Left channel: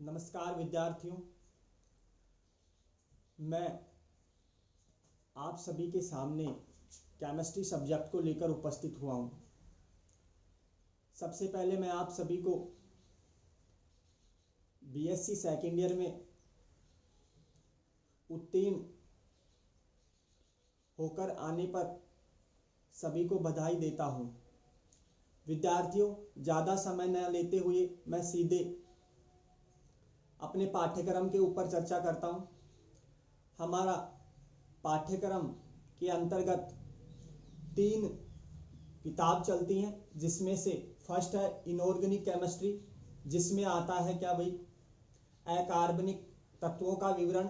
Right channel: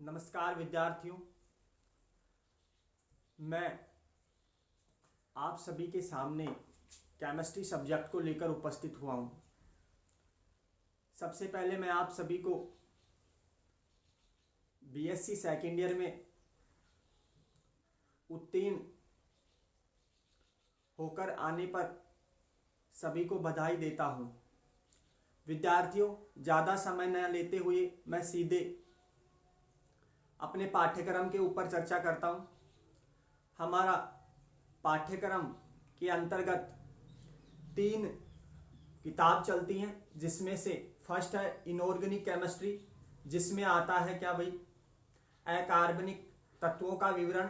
नमस्कार विद्यार्थियों, मैं आप सभी के सामने केमिस्ट्री सब्जेक्ट को लेकर उपस्थित हुआ हूं। सबसे पहले मैं आप सभी को बीएससी सेकेंड ईयर में उत्तीर्ण होकर आने पर सभी को बधाई देता हूं। विद्यार्थियों, ज़्यादा समय न लेते हुए मैं सीधे अपने पाठ्यक्रम के ऊपर चर्चा करता हूं। हमारा पाठ्यक्रम के अंतर्गत 3 किताब चलती हैं, जिसमें से फर्स्ट है इनऑर्गेनिक केमिस्ट्री, जिसमें आता है क्या भाई, अकार्बनिक तत्वों का विवरण।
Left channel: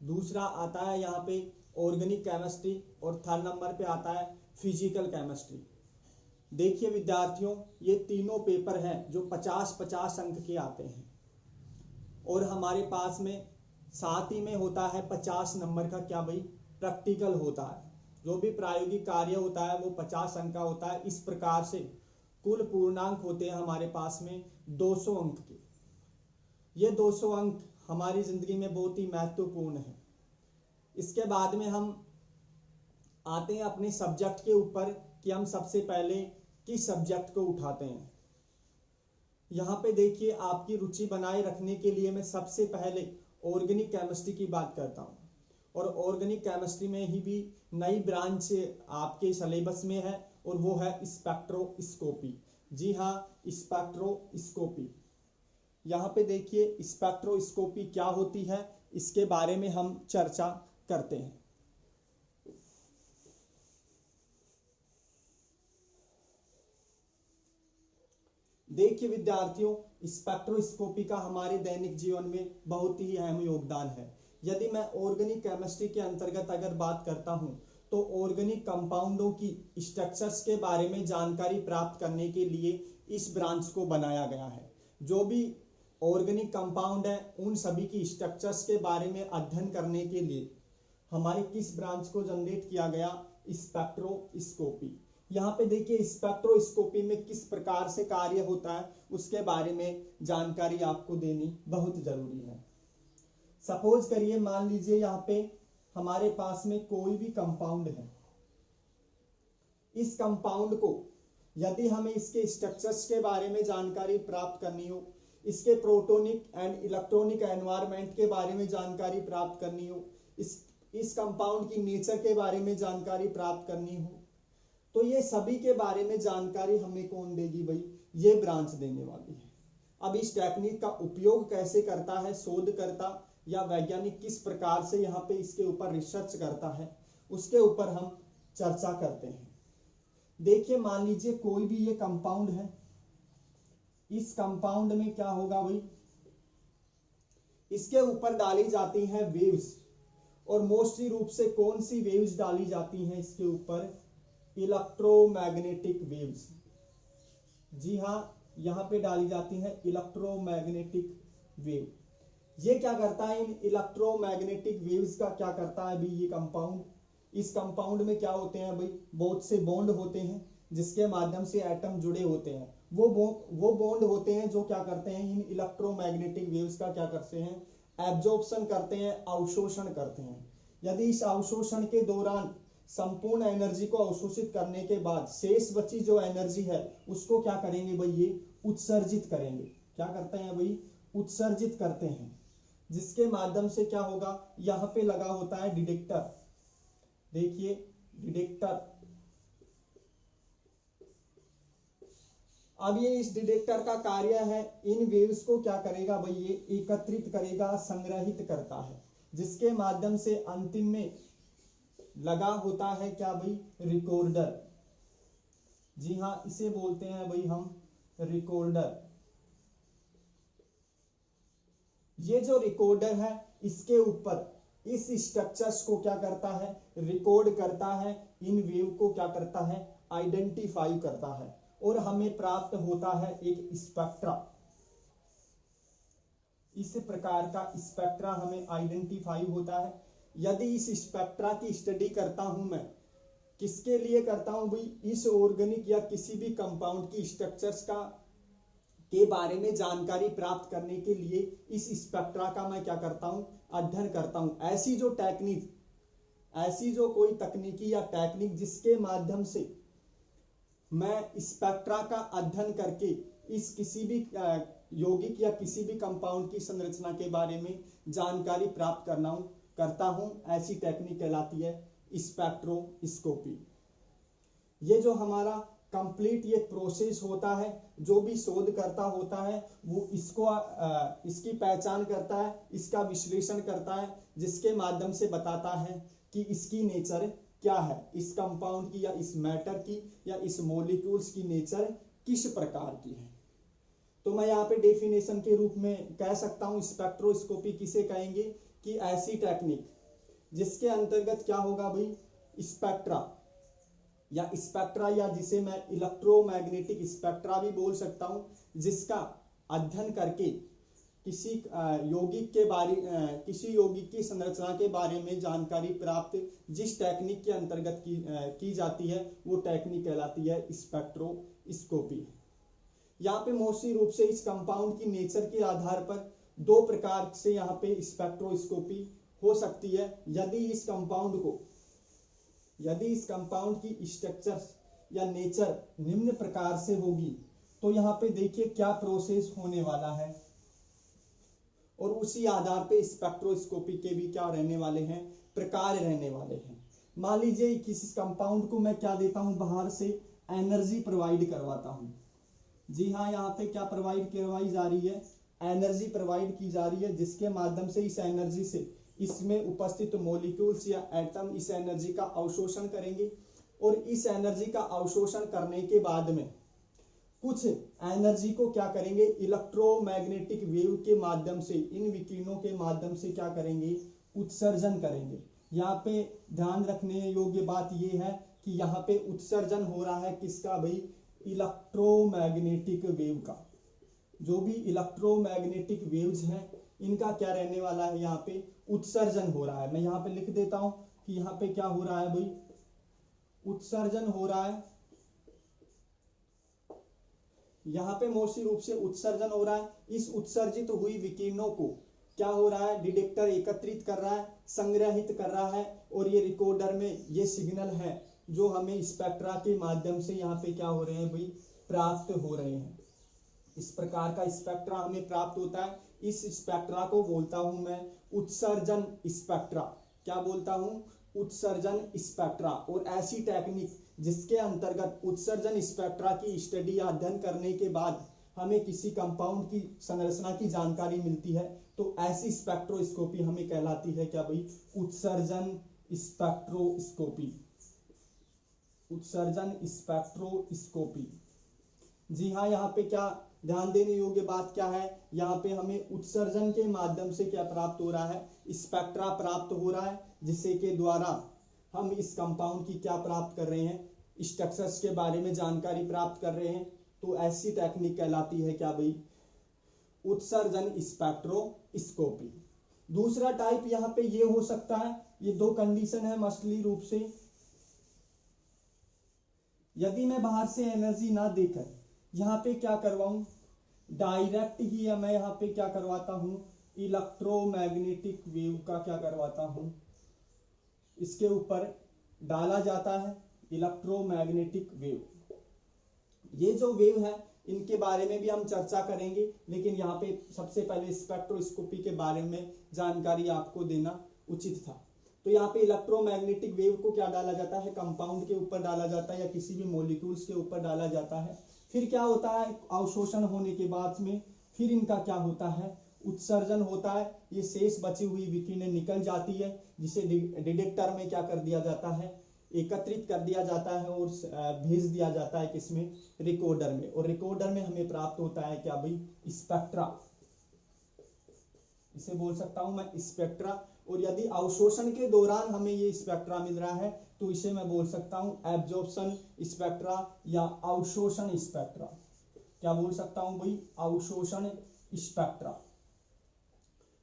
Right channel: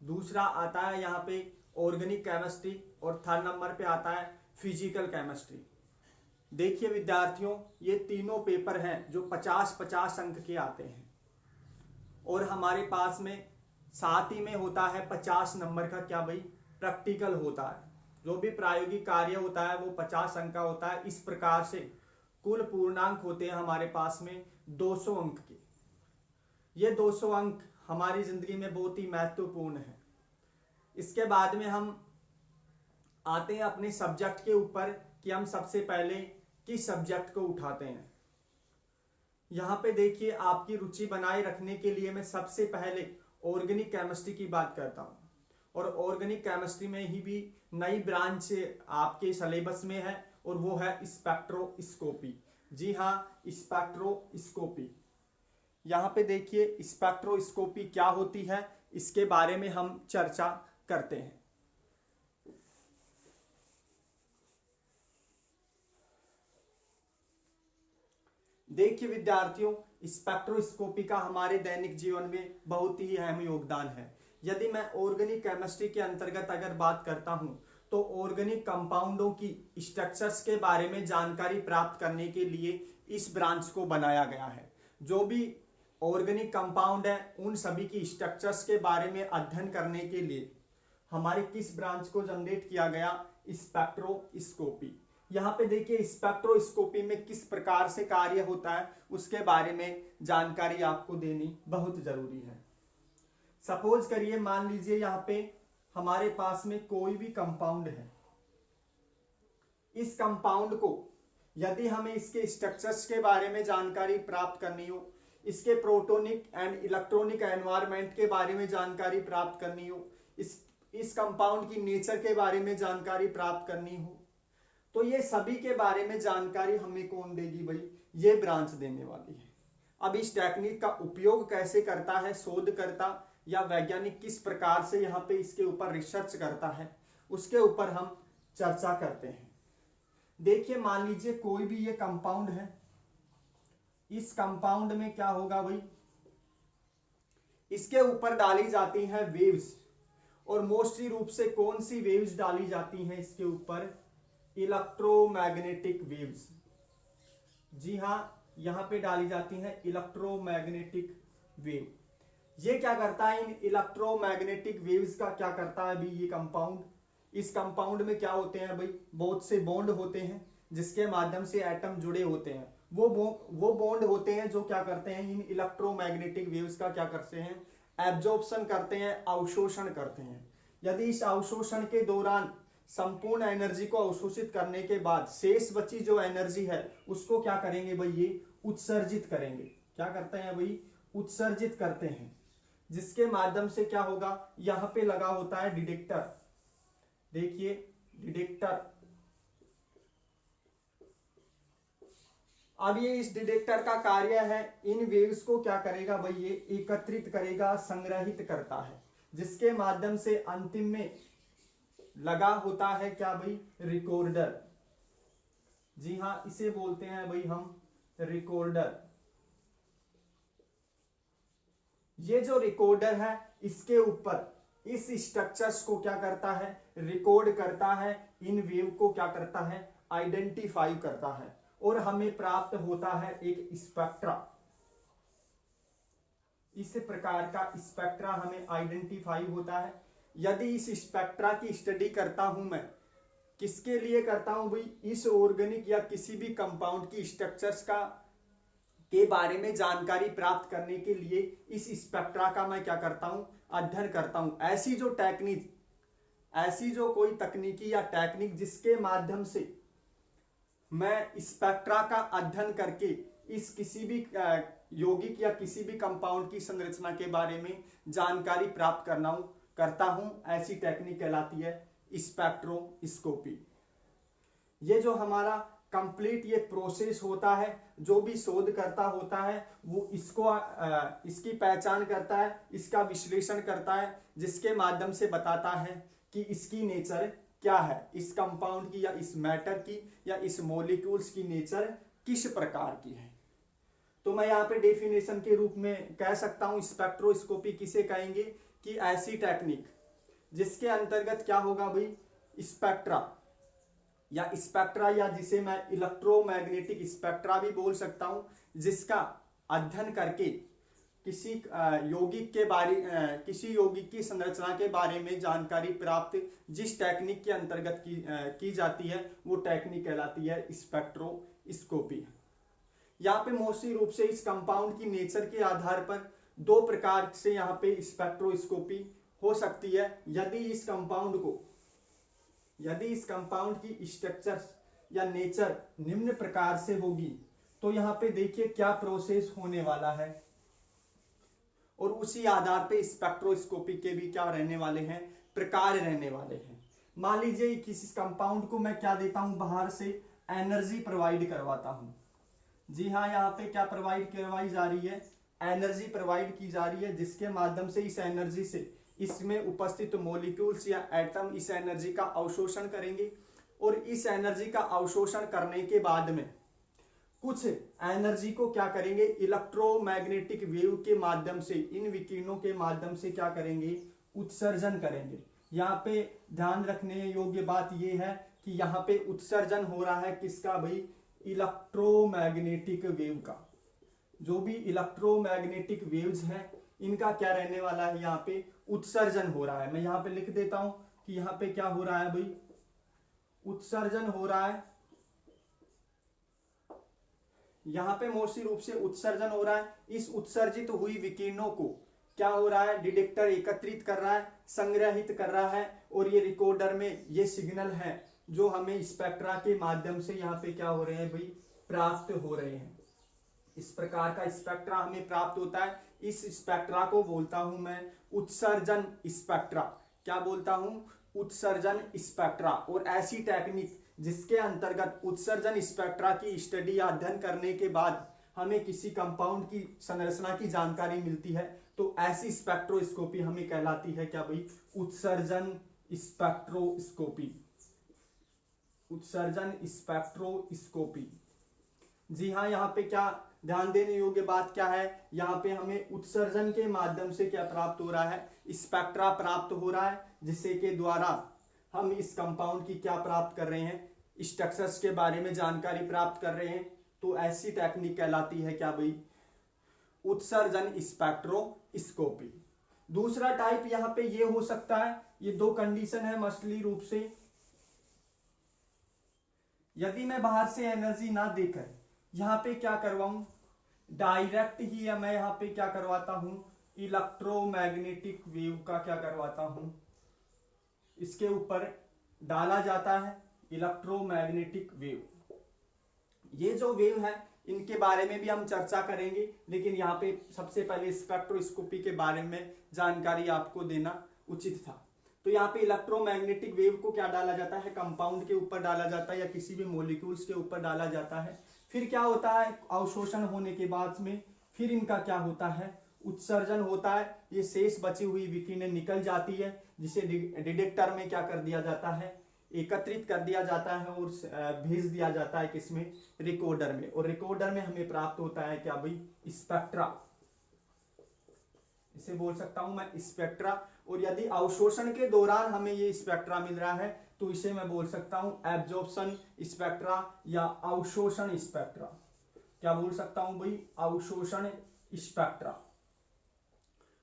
दूसरा आता है यहाँ पे ऑर्गेनिक केमिस्ट्री और थर्ड नंबर पे आता है फिजिकल केमिस्ट्री। देखिए विद्यार्थियों, ये तीनों पेपर हैं जो 50-50 अंक के आते हैं और हमारे पास में साथ ही में होता है 50 नंबर का क्या भाई, प्रैक्टिकल होता है। जो भी प्रायोगिक कार्य होता है वो 50 अंक का होता है। इस प्रकार से कुल पूर्णांक होते हैं हमारे पास में 200 अंक के। ये 200 अंक हमारी जिंदगी में बहुत ही महत्वपूर्ण है। इसके बाद में हम आते हैं अपने सब्जेक्ट के ऊपर कि हम सबसे पहले किस सब्जेक्ट को उठाते हैं। यहाँ पे देखिए, आपकी रुचि बनाए रखने के लिए मैं सबसे पहले ऑर्गेनिक केमिस्ट्री की बात करता हूँ। और ऑर्गेनिक केमिस्ट्री में ही भी नई ब्रांच आपके सिलेबस में है और वो है स्पेक्ट्रोस्कोपी। जी हाँ, स्पेक्ट्रोस्कोपी। यहाँ पे देखिए, स्पेक्ट्रोस्कोपी क्या होती है, इसके बारे में हम चर्चा करते हैं। देखिए विद्यार्थियों, स्पेक्ट्रोस्कोपी का हमारे दैनिक जीवन में बहुत ही अहम योगदान है। यदि मैं ऑर्गेनिक केमिस्ट्री के अंतर्गत अगर बात करता हूं, तो ऑर्गेनिक कंपाउंडों की स्ट्रक्चर्स के बारे में जानकारी प्राप्त करने के लिए इस ब्रांच को बनाया गया है। जो भी ऑर्गेनिक कंपाउंड है उन सभी की स्ट्रक्चर्स के बारे में अध्ययन करने के लिए हमारे किस ब्रांच को जनरेट किया गया, स्पेक्ट्रोस्कोपी। यहाँ पे देखिए, स्पेक्ट्रोस्कोपी में किस प्रकार से कार्य होता है उसके बारे में जानकारी आपको देनी बहुत जरूरी है। सपोज करिए, मान लीजिए यहाँ पे हमारे पास में कोई भी कंपाउंड है। इस कंपाउंड को यदि हमें इसके स्ट्रक्चर्स के बारे में जानकारी प्राप्त करनी हो, इसके प्रोटोनिक एंड इलेक्ट्रॉनिक एनवायरनमेंट के बारे में जानकारी प्राप्त करनी हो, इस कंपाउंड की नेचर के बारे में जानकारी प्राप्त करनी हो, तो ये सभी के बारे में जानकारी हमें कौन देगी भाई, ये ब्रांच देने वाली है। अब इस टेक्निक का उपयोग कैसे करता है शोधकर्ता या वैज्ञानिक, किस प्रकार से यहाँ पे इसके ऊपर रिसर्च करता है, उसके ऊपर हम चर्चा करते हैं। देखिए, मान लीजिए कोई भी ये कंपाउंड है। इस कंपाउंड में क्या होगा भाई, इसके ऊपर डाली जाती है वेव्स। और मोस्टली रूप से कौन सी वेव्स डाली जाती हैं इसके ऊपर, इलेक्ट्रोमैग्नेटिक वेव्स। जी हां, यहां पे डाली जाती हैं इलेक्ट्रोमैग्नेटिक वेव। ये क्या करता है, इन इलेक्ट्रोमैग्नेटिक वेव्स का क्या करता है भाई ये कंपाउंड। इस कंपाउंड में क्या होते हैं भाई, बहुत से बॉन्ड होते हैं जिसके माध्यम से एटम जुड़े होते हैं। वो बॉन्ड होते हैं जो क्या करते हैं, इन इलेक्ट्रोमैग्नेटिक वेव्स का क्या करते हैं, एब्जॉर्प्शन करते हैं, अवशोषण करते हैं। यदि इस अवशोषण के दौरान संपूर्ण एनर्जी को अवशोषित करने के बाद शेष बची जो एनर्जी है उसको क्या करेंगे भाई, ये उत्सर्जित करेंगे। क्या करते हैं भाई, उत्सर्जित करते हैं, जिसके माध्यम से क्या होगा, यहां पे लगा होता है डिटेक्टर। देखिए डिटेक्टर, अब ये इस डिटेक्टर का कार्य है, इन वेव्स को क्या करेगा भाई, ये एकत्रित करेगा, संग्रहित करता है, जिसके माध्यम से अंतिम में लगा होता है क्या भाई, रिकॉर्डर। जी हां, इसे बोलते हैं भाई हम रिकॉर्डर। ये जो रिकॉर्डर है, इसके ऊपर इस स्ट्रक्चर्स को क्या करता है, रिकॉर्ड करता है, इन वेव को क्या करता है, आइडेंटिफाई करता है, और हमें प्राप्त होता है एक स्पेक्ट्रा। इस प्रकार का स्पेक्ट्रा हमें आइडेंटिफाई होता है। यदि इस स्पेक्ट्रा की स्टडी करता हूं मैं, किसके लिए करता हूं भाई, इस ऑर्गेनिक या किसी भी कंपाउंड की स्ट्रक्चर्स का के बारे में जानकारी प्राप्त करने के लिए इस स्पेक्ट्रा का मैं क्या करता हूं, अध्ययन करता हूं। ऐसी जो कोई तकनीकी या टेक्निक जिसके माध्यम से मैं स्पेक्ट्रा का अध्ययन करके इस किसी भी यौगिक या किसी भी कंपाउंड की संरचना के बारे में जानकारी प्राप्त करता हूं, ऐसी टेक्निक कहलाती है स्पेक्ट्रोस्कोपी। ये जो हमारा कंप्लीट ये प्रोसेस होता है, जो भी शोधकर्ता होता है वो इसकी पहचान करता है, इसका विश्लेषण करता है, जिसके माध्यम से बताता है कि इसकी नेचर क्या है, इस कंपाउंड की या इस मैटर की या इस मॉलिक्यूल्स की नेचर किस प्रकार की है। तो मैं यहाँ पे डेफिनेशन के रूप में कह सकता हूं स्पेक्ट्रोस्कोपी किसे कहेंगे कि ऐसी टेक्निक जिसके अंतर्गत क्या होगा भाई, स्पेक्ट्रा या जिसे मैं इलेक्ट्रोमैग्नेटिक स्पेक्ट्रा भी बोल सकता हूं, जिसका अध्ययन करके किसी यौगिक की संरचना के बारे में जानकारी प्राप्त जिस टेक्निक के अंतर्गत की जाती है वो टेक्निक कहलाती है स्पेक्ट्रोस्कोपी। यहाँ पे मोस्टली रूप से इस कंपाउंड की नेचर के आधार पर दो प्रकार से यहाँ पे स्पेक्ट्रोस्कोपी हो सकती है। यदि इस कंपाउंड की स्ट्रक्चर या नेचर निम्न प्रकार से होगी तो यहाँ पे देखिए क्या प्रोसेस होने वाला है, और उसी आधार पे स्पेक्ट्रोस्कोपी के भी क्या रहने वाले हैं, प्रकार रहने वाले हैं। मान लीजिए किसी कंपाउंड को मैं क्या देता हूं, बाहर से एनर्जी प्रोवाइड करवाता हूं। जी हाँ, यहाँ पे क्या प्रोवाइड करवाई जा रही है, एनर्जी प्रोवाइड की जा रही है, जिसके माध्यम से इस एनर्जी से इसमें उपस्थित मॉलिक्यूल्स या एटम इस एनर्जी का अवशोषण करेंगे, और इस एनर्जी का अवशोषण करने के बाद में कुछ एनर्जी को क्या करेंगे, इलेक्ट्रोमैग्नेटिक वेव के माध्यम से, इन विकिरणों के माध्यम से क्या करेंगे, उत्सर्जन करेंगे। यहाँ पे ध्यान रखने योग्य बात यह है कि यहाँ पे उत्सर्जन हो रहा है किसका भाई, इलेक्ट्रोमैग्नेटिक वेव का। जो भी इलेक्ट्रोमैग्नेटिक वेव्स हैं इनका क्या रहने वाला है, यहाँ पे उत्सर्जन हो रहा है। मैं यहाँ पे लिख देता हूं कि यहाँ पे क्या हो रहा है भाई, उत्सर्जन हो रहा है। यहाँ पे मोस्टली रूप से उत्सर्जन हो रहा है। इस उत्सर्जित हुई विकिरणों को क्या हो रहा है, डिटेक्टर एकत्रित कर रहा है, संग्रहित कर रहा है, और ये रिकॉर्डर में ये सिग्नल है जो हमें स्पेक्ट्रा के माध्यम से यहाँ पे क्या हो रहे हैं भाई, प्राप्त हो रहे हैं। इस प्रकार का स्पेक्ट्रा हमें प्राप्त होता है। इस स्पेक्ट्रा को बोलता हूं मैं उत्सर्जन स्पेक्ट्रा। क्या बोलता हूं, उत्सर्जन स्पेक्ट्रा। और ऐसी टेक्निक जिसके अंतर्गत उत्सर्जन स्पेक्ट्रा की स्टडी या अध्ययन करने के बाद हमें किसी कंपाउंड की संरचना की जानकारी मिलती है, तो ऐसी स्पेक्ट्रोस्कोपी हमें कहलाती है क्या भाई, उत्सर्जन स्पेक्ट्रोस्कोपी। उत्सर्जन स्पेक्ट्रोस्कोपी। जी हाँ, यहाँ पे क्या ध्यान देने योग्य बात क्या है, यहाँ पे हमें उत्सर्जन के माध्यम से क्या प्राप्त हो रहा है, स्पेक्ट्रा प्राप्त हो रहा है, जिससे के द्वारा हम इस कंपाउंड की क्या प्राप्त कर रहे हैं, स्ट्रक्चर्स के बारे में जानकारी प्राप्त कर रहे हैं। तो ऐसी टेक्निक कहलाती है क्या भाई, उत्सर्जन स्पेक्ट्रोस्कोपी। दूसरा टाइप यहाँ पे ये हो सकता है, ये दो कंडीशन है मछली रूप से। यदि मैं बाहर से एनर्जी ना देकर यहाँ पे क्या करवाऊं, डायरेक्ट ही मैं यहाँ पे क्या करवाता हूं, इलेक्ट्रोमैग्नेटिक वेव का क्या करवाता हूं, इसके ऊपर डाला जाता है इलेक्ट्रोमैग्नेटिक वेव। ये जो वेव है इनके बारे में भी हम चर्चा करेंगे, लेकिन यहाँ पे सबसे पहले स्पेक्ट्रोस्कोपी के बारे में जानकारी आपको देना उचित था। तो यहाँ पे इलेक्ट्रोमैग्नेटिक वेव को क्या डाला जाता है, कंपाउंड के ऊपर डाला जाता है या किसी भी मॉलिक्यूल्स के ऊपर डाला जाता है। फिर क्या होता है, अवशोषण होने के बाद में फिर इनका क्या होता है, उत्सर्जन होता है। ये शेष बची हुई विकिरणें निकल जाती है, जिसे डिटेक्टर में क्या कर दिया जाता है, एकत्रित कर दिया जाता है और भेज दिया जाता है किसमें, रिकॉर्डर में। और रिकॉर्डर में हमें प्राप्त होता है क्या भाई, स्पेक्ट्रा। इसे बोल सकता हूं मैं स्पेक्ट्रा। और यदि अवशोषण के दौरान हमें ये स्पेक्ट्रा मिल रहा है तो इसे मैं बोल सकता हूं एब्जॉर्प्शन स्पेक्ट्रा या अवशोषण स्पेक्ट्रा। क्या बोल सकता हूं भाई, अवशोषण स्पेक्ट्रा।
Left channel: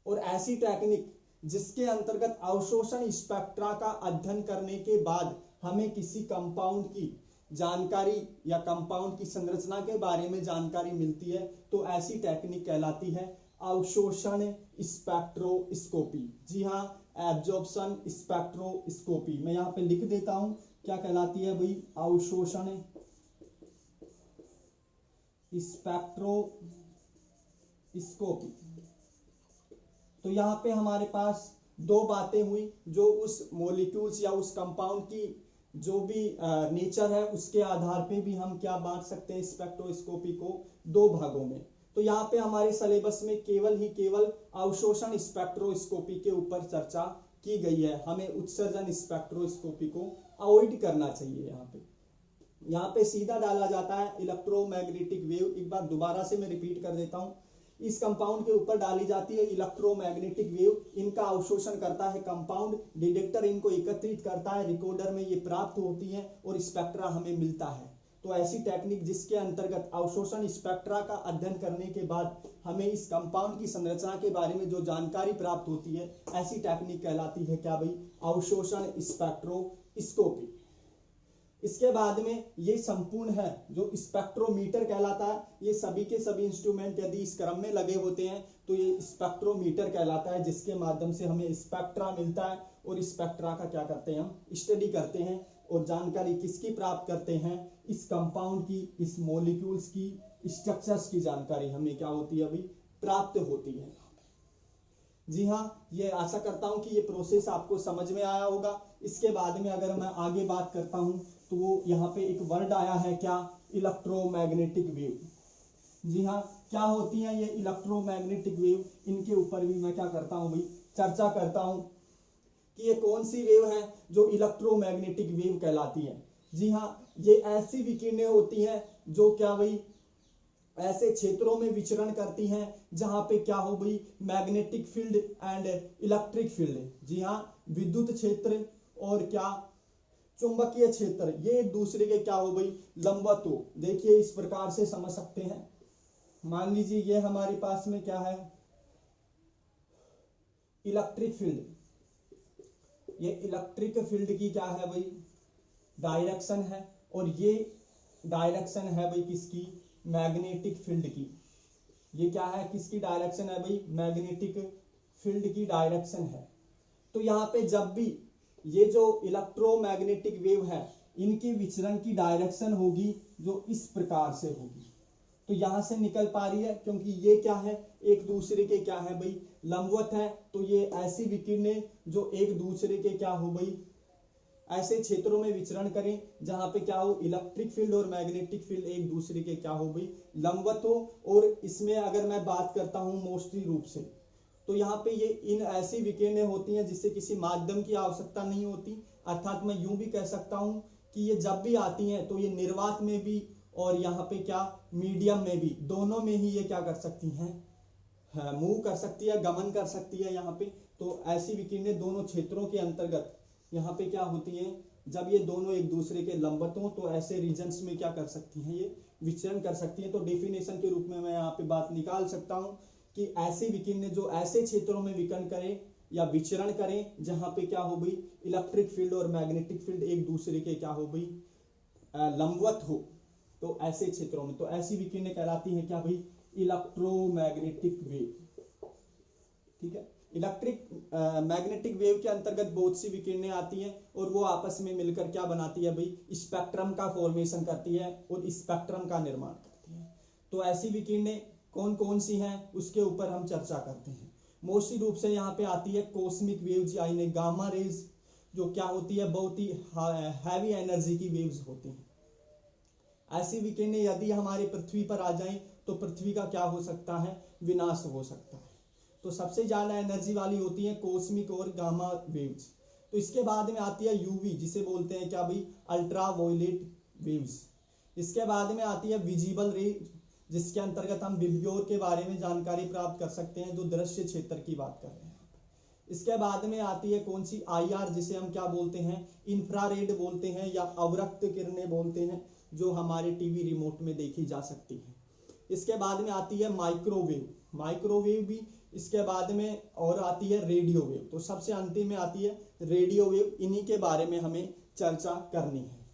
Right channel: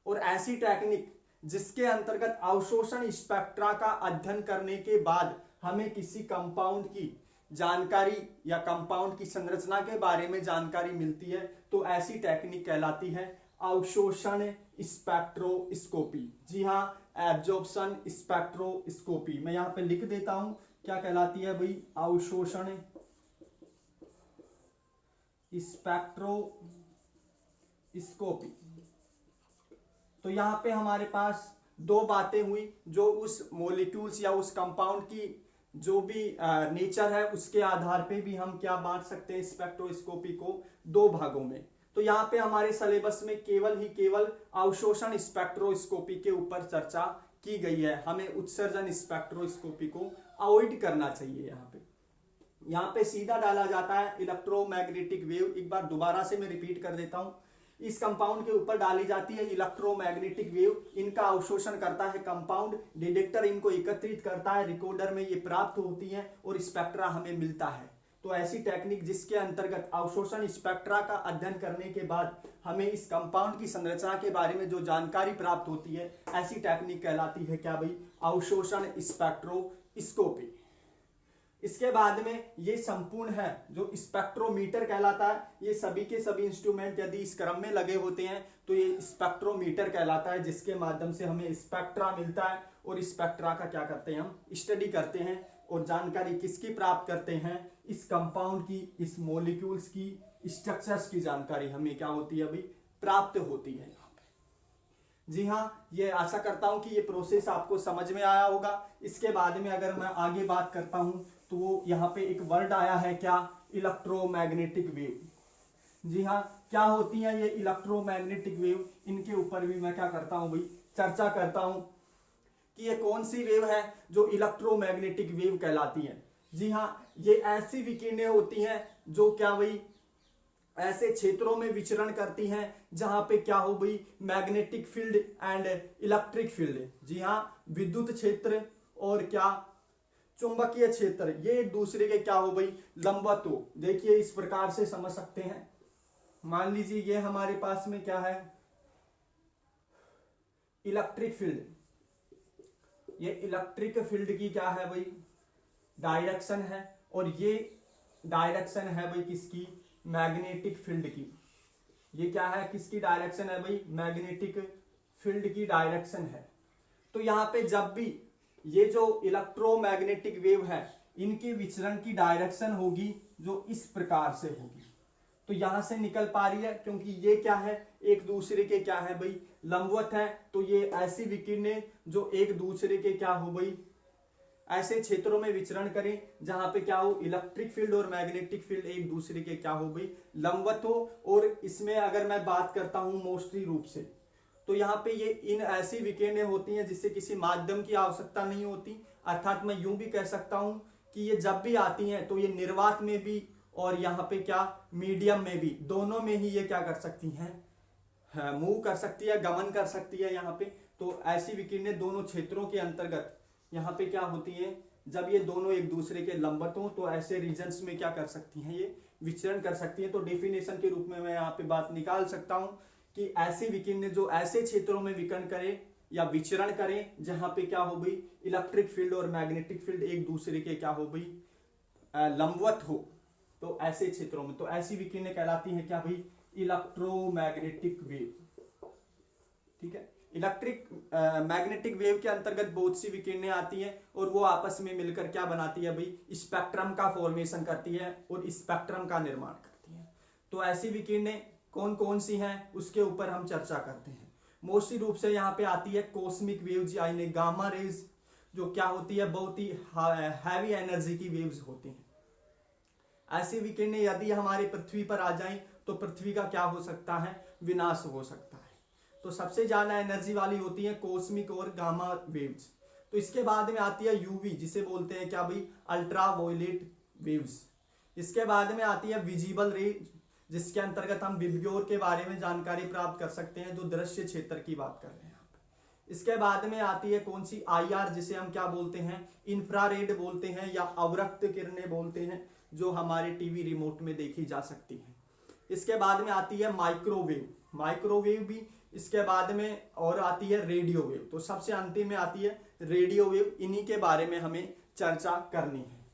और ऐसी टेक्निक जिसके अंतर्गत अवशोषण स्पेक्ट्रा का अध्ययन करने के बाद हमें किसी कंपाउंड की जानकारी या कंपाउंड की संरचना के बारे में जानकारी मिलती है तो ऐसी टेक्निक कहलाती है अवशोषण स्पेक्ट्रोस्कोपी। जी हाँ, एब्जॉर्प्शन स्पेक्ट्रोस्कोपी। मैं यहाँ पे लिख देता हूं क्या कहलाती है भाई, अवशोषण स्पेक्ट्रोस्कोपी। तो यहाँ पे हमारे पास दो बातें हुई, जो उस मॉलिक्यूल्स या उस कंपाउंड की जो भी नेचर है उसके आधार पे भी हम क्या बांट सकते हैं स्पेक्ट्रोस्कोपी को दो भागों में। तो यहाँ पे हमारे सिलेबस में केवल अवशोषण स्पेक्ट्रोस्कोपी के ऊपर चर्चा की गई है। हमें उत्सर्जन स्पेक्ट्रोस्कोपी को अवॉइड करना चाहिए। यहाँ पे सीधा डाला जाता है इलेक्ट्रोमैग्नेटिक वेव। एक बार दोबारा से मैं रिपीट कर देता हूँ, इस कंपाउंड के ऊपर डाली जाती है इलेक्ट्रोमैग्नेटिक वेव। इनका अवशोषण करता है कंपाउंड, डिटेक्टर इनको एकत्रित करता है, रिकॉर्डर में ये प्राप्त होती है और स्पेक्ट्रा हमें मिलता है। तो ऐसी टेक्निक जिसके अंतर्गत अवशोषण स्पेक्ट्रा का अध्ययन करने के बाद हमें इस कंपाउंड की संरचना के बारे में जो जानकारी प्राप्त होती है, ऐसी टेक्निक कहलाती है क्या भाई, अवशोषण स्पेक्ट्रोस्कोपी। इसके बाद में ये संपूर्ण है जो स्पेक्ट्रोमीटर कहलाता है। ये सभी के सभी इंस्ट्रूमेंट यदि इस क्रम में लगे होते हैं तो ये स्पेक्ट्रोमीटर कहलाता है, जिसके माध्यम से हमें स्पेक्ट्रा मिलता है और स्पेक्ट्रा का क्या करते हैं, हम स्टडी करते हैं और जानकारी किसकी प्राप्त करते हैं, इस कंपाउंड की, इस मॉलिक्यूल्स की, स्ट्रक्चर्स की जानकारी हमें क्या होती है अभी प्राप्त होती है। जी हाँ, ये आशा करता हूं कि ये प्रोसेस आपको समझ में आया होगा। इसके बाद में अगर मैं आगे बात करता हूं तो वो यहाँ पे एक वर्ड आया है क्या, इलेक्ट्रोमैग्नेटिक वेव। जी हाँ, क्या होती है ये इलेक्ट्रोमैग्नेटिक वेव, इनके ऊपर भी मैं क्या करता हूं भाई, चर्चा करता हूं कि ये कौन सी वेव है जो इलेक्ट्रोमैग्नेटिक वेव कहलाती है। जी हाँ, ये ऐसी विकिरणें होती हैं जो क्या भाई ऐसे क्षेत्रों में विचरण करती हैं जहां पे क्या हो भाई, magnetic field and electric field. जी हाँ, विद्युत क्षेत्र और क्या चुंबकीय क्षेत्र, ये एक दूसरे के क्या हो भाई, लंबवत हो। देखिए इस प्रकार से समझ सकते हैं। मान लीजिए ये हमारे पास में क्या है, इलेक्ट्रिक फील्ड। ये इलेक्ट्रिक फील्ड की क्या है भाई, डायरेक्शन है, और ये डायरेक्शन है भाई किसकी, मैग्नेटिक फील्ड की। ये क्या है, किसकी डायरेक्शन है भाई, मैग्नेटिक फील्ड की डायरेक्शन है। तो यहाँ पे जब भी ये जो इलेक्ट्रोमैग्नेटिक वेव है, इनकी विचरण की डायरेक्शन होगी जो इस प्रकार से होगी। तो यहां से निकल पा रही है क्योंकि ये क्या है, एक दूसरे के क्या है भाई, लंबवत है। तो ये ऐसी विकिरणें जो एक दूसरे के क्या हो भाई, ऐसे क्षेत्रों में विचरण करें जहां पे क्या हो, इलेक्ट्रिक फील्ड और मैग्नेटिक फील्ड एक दूसरे के क्या हो भाई, लंबवत हो। और इसमें अगर मैं बात करता हूं मोस्टली रूप से, तो यहाँ पे ये इन ऐसी विकिरणें होती हैं जिससे किसी माध्यम की आवश्यकता नहीं होती। अर्थात मैं यूं भी कह सकता हूं कि ये जब भी आती हैं तो ये निर्वात में भी और यहाँ पे क्या मीडियम में भी, दोनों में ही ये क्या कर सकती हैं, मूव कर सकती है, गमन कर सकती है यहाँ पे। तो ऐसी विकिरणें दोनों क्षेत्रों के अंतर्गत यहाँ पे क्या होती हैं, जब ये दोनों एक दूसरे के लंबवत हों तो ऐसे रीजन्स में क्या कर सकती हैं, ये विचरण कर सकती हैं। तो डेफिनेशन के रूप में मैं यहाँ पे बात निकाल सकता हूँ कि ऐसी विकिरणें जो ऐसे क्षेत्रों में विकर्ण करें या विचरण करें जहां पे क्या हो भाई, इलेक्ट्रिक फील्ड और मैग्नेटिक फील्ड एक दूसरे के क्या हो भाई, लंबवत हो, तो ऐसे क्षेत्रों में, तो ऐसी विकिरणें कहलाती है क्या भाई, इलेक्ट्रोमैग्नेटिक वेव। ठीक है, इलेक्ट्रिक मैग्नेटिक वेव के अंतर्गत बहुत सी विकिरणें आती हैं और वो आपस में मिलकर क्या बनाती है भाई, स्पेक्ट्रम का फॉर्मेशन करती है और स्पेक्ट्रम का निर्माण करती है। तो ऐसी विकिरणें कौन कौन सी हैं उसके ऊपर हम चर्चा करते हैं। मोस्टली रूप से यहाँ पे आती है कॉस्मिक वेव्स यानी गामा रेज, जो क्या होती है, बहुत ही हैवी एनर्जी की वेव्स होती हैं। ऐसी विकिरणें यदि हमारे पृथ्वी पर आ जाएं तो पृथ्वी का क्या हो सकता है, विनाश हो सकता है। तो सबसे ज्यादा एनर्जी वाली होती है कॉस्मिक और गामा वेव्स। तो इसके बाद में आती है यूवी, जिसे बोलते हैं क्या भाई, अल्ट्रा वायलेट वेव्स। इसके बाद में आती है विजिबल रेज, जिसके अंतर्गत हम विबग्योर के बारे में जानकारी प्राप्त कर सकते हैं, जो दृश्य क्षेत्र की बात कर रहे हैं। इसके बाद में आती है कौन सी, आईआर, जिसे हम क्या बोलते हैं, इंफ्रारेड बोलते हैं या अवरक्त किरणें बोलते हैं, जो हमारे टीवी रिमोट में देखी जा सकती है। इसके बाद में आती है माइक्रोवेव, माइक्रोवेव भी। इसके बाद में और आती है रेडियो वेव। तो सबसे अंतिम में आती है रेडियो वेव। इन्हीं के बारे में हमें चर्चा करनी है।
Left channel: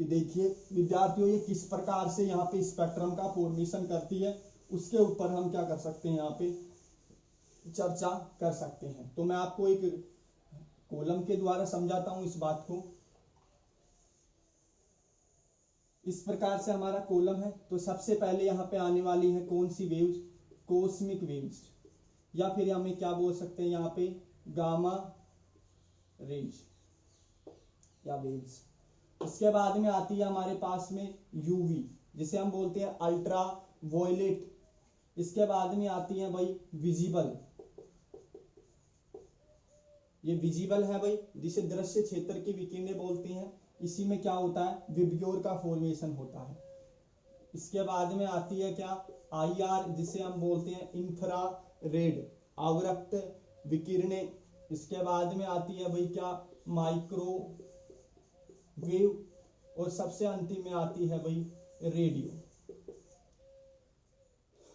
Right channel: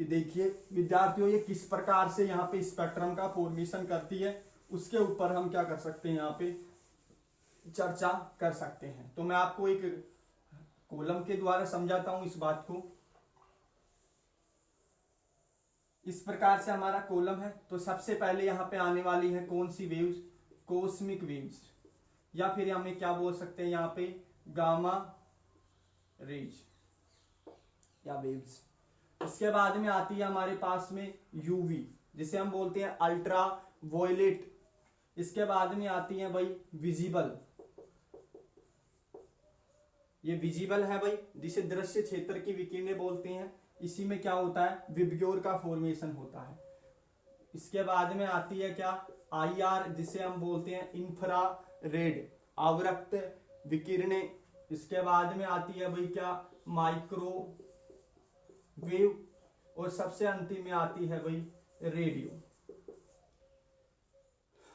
कि देखिए विद्यार्थियों ये किस प्रकार से यहाँ पे स्पेक्ट्रम का फॉर्मेशन करती है, उसके ऊपर हम क्या कर सकते हैं, यहाँ पे चर्चा कर सकते हैं। तो मैं आपको एक कॉलम के द्वारा समझाता हूं इस बात को। इस प्रकार से हमारा कॉलम है। तो सबसे पहले यहाँ पे आने वाली है कौन सी वेव्स, कॉस्मिक वेव्स, या फिर हमें क्या बोल सकते हैं यहाँ पे गामा रेज या वेव्स। इसके बाद में आती है हमारे पास में यूवी, जिसे हम बोलते हैं अल्ट्रा वायलेट। इसके बाद में आती है भाई विजिबल, ये विजिबल है भाई, जिसे दृश्य क्षेत्र की विकिरणें बोलते हैं। इसी में क्या होता है, विबग्योर का फॉर्मेशन होता है। इसके बाद में आती है क्या, आईआर, जिसे हम बोलते हैं इंफ्रारेड आवृत्त विकिरणें। इसके बाद में आती है भाई क्या, माइक्रोवेव, और सबसे अंतिम में आती है भाई रेडियो।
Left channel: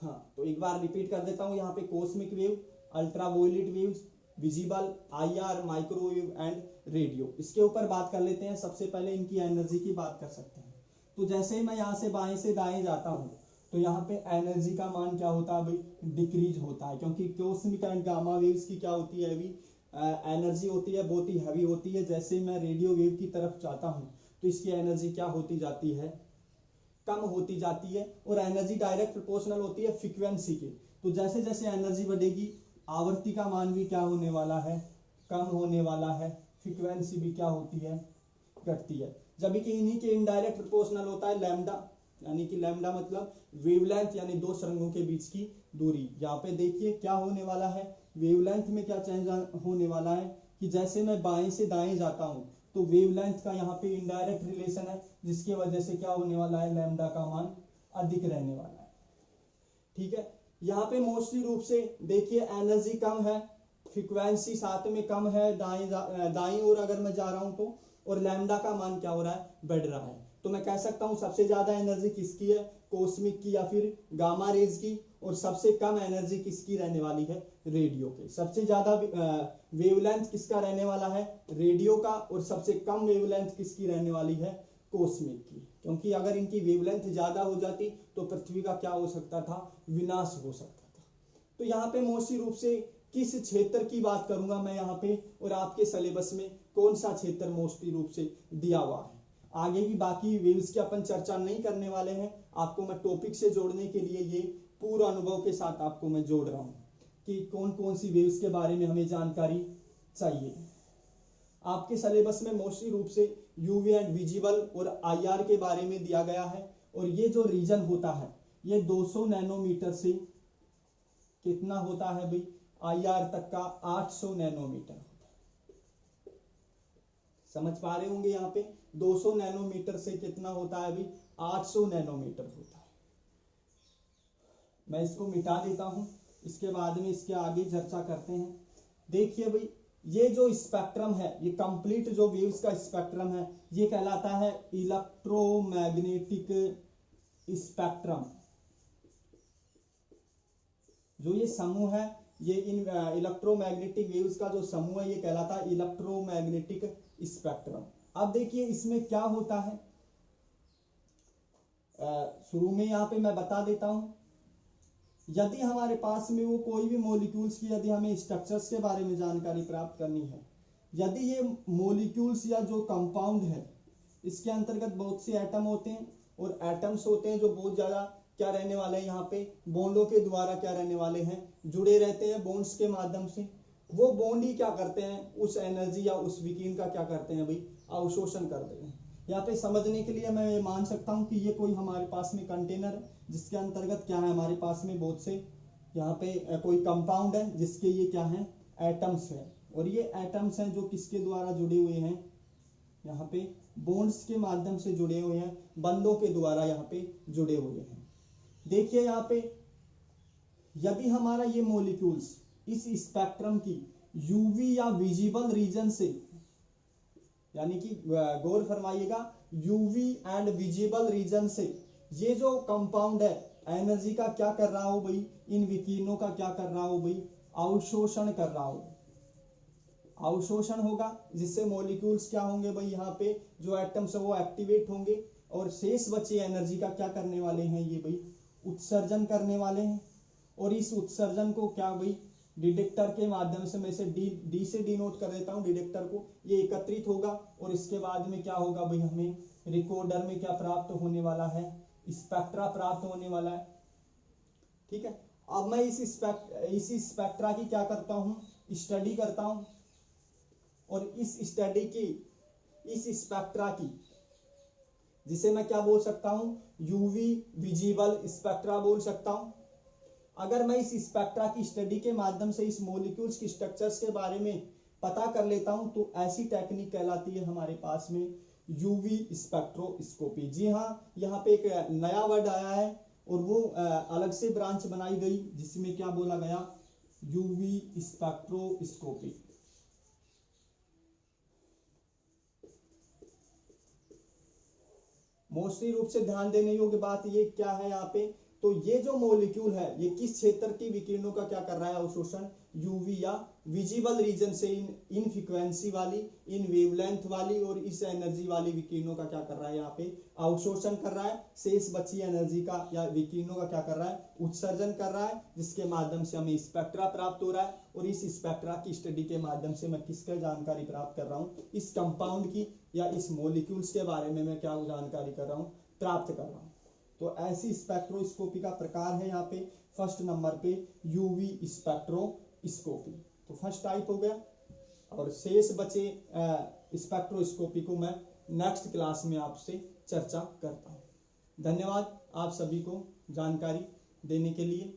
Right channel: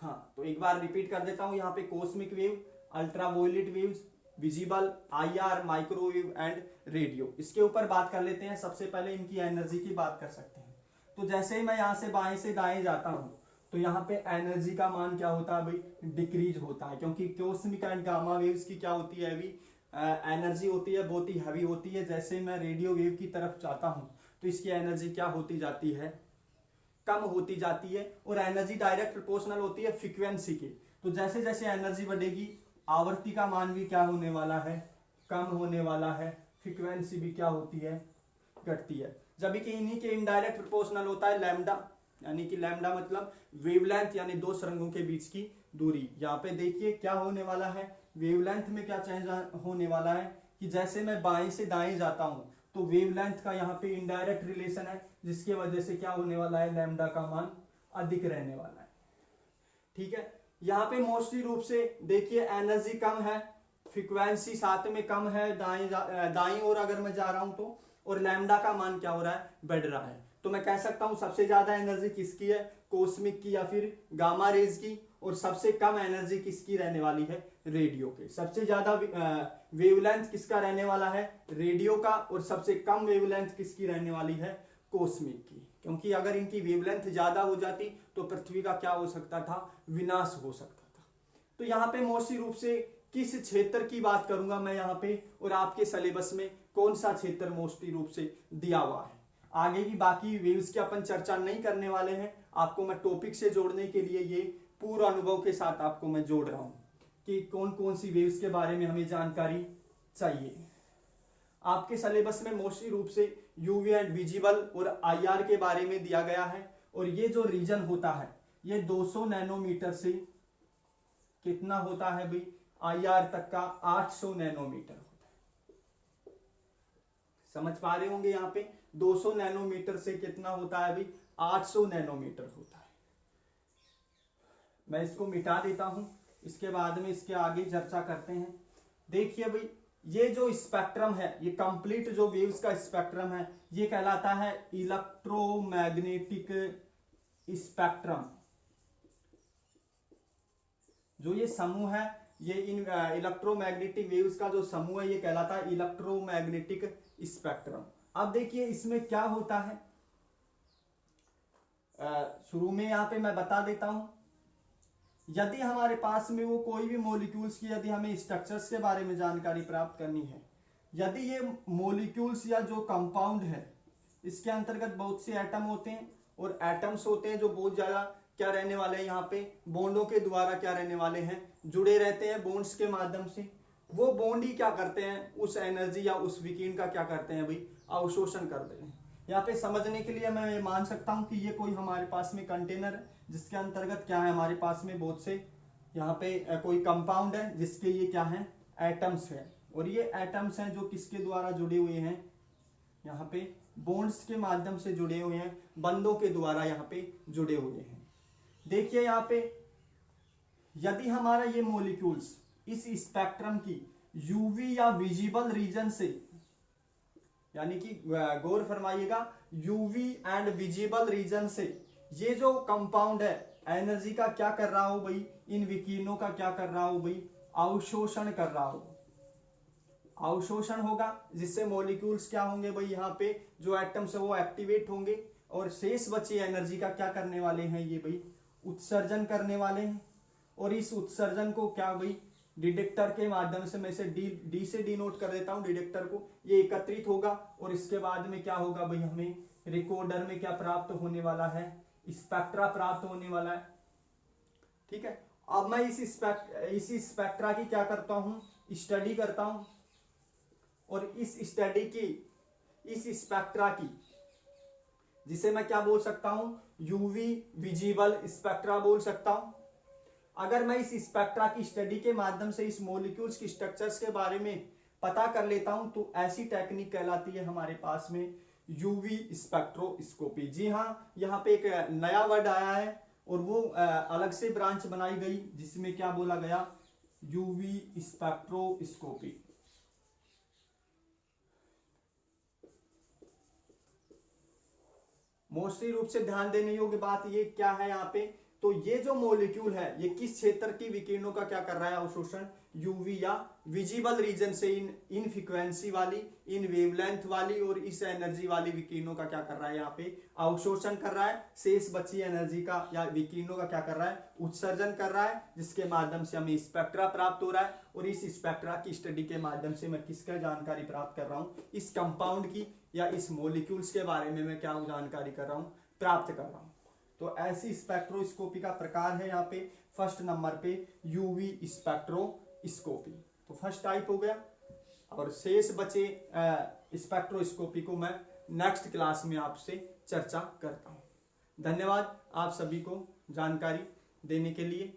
हाँ, तो एक बार रिपीट कर देता हूं, यहाँ पे cosmic wave, ultraviolet waves, visible, IR, microwave and radio. इसके ऊपर बात कर लेते हैं। सबसे पहले इनकी एनर्जी की बात कर सकते हैं। तो जैसे ही मैं यहाँ से बाएं से दाएं जाता हूं तो यहाँ पे एनर्जी का मान क्या होता है भाई, डिक्रीज होता है, क्योंकि कॉस्मिक एंड गामा वेव्स की क्या होती है, अभी एनर्जी होती है, बहुत ही हैवी होती है। जैसे मैं रेडियो वेव की तरफ जाता हूँ तो इसकी एनर्जी क्या होती जाती है, कम होती जाती है, और एनर्जी डायरेक्ट प्रोपोर्शनल होती है फ्रीक्वेंसी के। तो जैसे जैसे एनर्जी बढ़ेगी आवृत्ति का मान भी क्या होने वाला है, कम होने वाला है, फ्रीक्वेंसी भी क्या होती है, घटती है। जब कि इन्हीं के इनडायरेक्ट प्रोपोर्शनल होता है लैम्डा, यानी कि लैम्डा मतलब वेवलेंथ, यानी दो सुरंगों के बीच की दूरी। यहाँ पे देखिए क्या होने वाला है, वेवलेंथ में क्या चेंज होने वाला है कि जैसे मैं बाएं से दाएं जाता हूं तो वेवलेंथ का यहाँ पे इनडायरेक्ट रिलेशन है, जिसकी वजह से क्या होने वाला है, लैम्डा का मान अधिक रहने वाला है। ठीक है, यहाँ पे मोस्टली रूप से देखिए एनर्जी कम है, फ्रीक्वेंसी साथ में कम है, दाईं ओर अगर मैं जा रहा हूं तो, और लैम्डा का मान क्या हो रहा है, बढ़ रहा है। तो मैं कह सकता हूं सबसे ज्यादा एनर्जी किसकी है, कॉस्मिक की या फिर गामा रेज की, और सबसे कम एनर्जी किसकी रहने वाली है, रेडियो के। सबसे ज्यादा वेवलेंथ किसका रहने वाला है, रेडियो का, और सबसे कम वेवलेंथ किसकी रहने वाली है, कॉस्मिक की। क्योंकि अगर इनकी वेवलेंथ ज्यादा हो जाती तो पृथ्वी का क्या हो सकता था, विनाश हो सकता था। तो यहाँ पे मोस्टली रूप से किस क्षेत्र की बात करूंगा मैं यहाँ पे, और आपके सिलेबस में कौन सा क्षेत्र मोस्टली रूप से दिया हुआ है। आगे की बाकी वेव्स की अपन चर्चा नहीं करने वाले हैं, आपको मैं टॉपिक से जोड़ने के लिए ये पूरा अनुभव के साथ आपको मैं जोड़ रहा हूं कि कौन कौन सी वेव्स के बारे में हमें जानकारी चाहिए। आपके सिलेबस में मोस्टली रूप से यूवी एंड विजिबल और आईआर के बारे में दिया गया है, और ये जो रीजन होता है ये 200 नैनोमीटर से कितना होता है भाई, आईआर तक का 800 नैनोमीटर होता है। समझ पा रहे होंगे, यहाँ पे 200 नैनोमीटर से कितना होता है भाई, 800 नैनोमीटर होता है। मैं इसको मिटा देता हूं, इसके बाद में इसके आगे चर्चा करते हैं। देखिए भाई, ये जो स्पेक्ट्रम है, ये कंप्लीट जो वेव्स का स्पेक्ट्रम है, ये कहलाता है इलेक्ट्रोमैग्नेटिक स्पेक्ट्रम। जो ये समूह है, ये इन इलेक्ट्रोमैग्नेटिक वेव्स का जो समूह है, ये कहलाता है इलेक्ट्रोमैग्नेटिक स्पेक्ट्रम। अब देखिए इसमें क्या होता है, शुरू में यहाँ पे मैं बता देता हूं। यदि हमारे पास में वो कोई भी मॉलिक्यूल्स की, यदि हमें स्ट्रक्चर्स के बारे में जानकारी प्राप्त करनी है, यदि ये मॉलिक्यूल्स या जो कंपाउंड है, इसके अंतर्गत बहुत से एटम होते हैं, और एटम्स होते हैं जो बहुत ज्यादा क्या रहने वाले हैं, यहाँ पे बॉन्डों के द्वारा क्या रहने वाले हैं, जुड़े रहते हैं बॉन्ड्स के माध्यम से। वो बॉन्ड ही क्या करते हैं, उस एनर्जी या उस विकिरण का क्या करते हैं भाई, अवशोषण करते हैं। यहाँ पे समझने के लिए मैं ये मान सकता हूं कि ये कोई हमारे पास में कंटेनर है, जिसके अंतर्गत क्या है, हमारे पास में बहुत से यहाँ पे कोई कंपाउंड है, जिसके ये क्या है, एटम्स है, और ये एटम्स हैं जो किसके द्वारा जुड़े हुए हैं, यहाँ पे बॉन्ड्स के माध्यम से जुड़े हुए हैं, बंधों के द्वारा यहाँ पे जुड़े हुए हैं। देखिए यहाँ पे यदि हमारा ये मॉलिक्यूल्स इस स्पेक्ट्रम की यूवी या विजिबल रीजन से, यानी कि गौर फरमाइएगा, यूवी एंड विजिबल रीजन से ये जो कंपाउंड है एनर्जी का क्या कर रहा हो भाई, इन विकिरणों का क्या कर रहा हो भाई, अवशोषण कर रहा हो। अवशोषण होगा, जिससे मॉलिक्यूल्स क्या होंगे भाई, यहाँ पे जो एटम्स है वो एक्टिवेट होंगे, और शेष बची एनर्जी का क्या करने वाले हैं ये भाई, उत्सर्जन करने वाले हैं। और इस उत्सर्जन को क्या भाई, डिटेक्टर के माध्यम से, मैं इसे डी से डिनोट कर देता हूं डिटेक्टर को, ये एकत्रित होगा, और इसके बाद में क्या होगा भाई, हमें रिकॉर्डर में क्या प्राप्त होने वाला है, स्पेक्ट्रा प्राप्त होने वाला है। ठीक है, अब मैं इस स्पेक्ट्रा की क्या करता हूं, स्टडी करता हूं, और इस स्टडी की, इस स्पेक्ट्रा की, जिसे मैं क्या बोल सकता हूं, यूवी विजिबल स्पेक्ट्रा बोल सकता हूं। अगर मैं इस स्पेक्ट्रा की स्टडी के माध्यम से इस मॉलिक्यूल्स की स्ट्रक्चर्स के बारे में पता कर लेता हूं, तो ऐसी टेक्निक कहलाती है हमारे पास में यूवी स्पेक्ट्रोस्कोपी। जी हाँ, यहाँ पे एक नया वर्ड आया है, और वो अलग से ब्रांच बनाई गई, जिसमें क्या बोला गया, यूवी स्पेक्ट्रोस्कोपी। मोस्टली रूप से ध्यान देने योग्य बात ये क्या है यहाँ पे, तो ये जो मॉलिक्यूल है ये किस क्षेत्र की विकिरणों का क्या कर रहा है, अवशोषण, यूवी या विजिबल रीजन से इन फ्रीक्वेंसी वाली, इन वेवलेंथ वाली और इस एनर्जी वाली विकिरणों का क्या कर रहा है, यहाँ पे अवशोषण कर रहा है। शेष बची एनर्जी का या विकिरणों का क्या कर रहा है, उत्सर्जन कर रहा है, जिसके माध्यम से हमें स्पेक्ट्रा प्राप्त हो रहा है। और इस स्पेक्ट्रा की स्टडी के माध्यम से मैं किसका जानकारी प्राप्त कर रहा हूँ, इस कंपाउंड की या इस मॉलिक्यूल्स के बारे में मैं क्या जानकारी कर रहा हूँ, प्राप्त कर रहा हूँ। तो ऐसी स्पेक्ट्रोस्कोपी का प्रकार है यहाँ पे फर्स्ट नंबर पे यूवी स्पेक्ट्रोस्कोपी। तो फर्स्ट टाइप हो गया, और शेष बचे स्पेक्ट्रोस्कोपी को मैं नेक्स्ट क्लास में आपसे चर्चा करता हूँ। धन्यवाद आप सभी को जानकारी देने के लिए।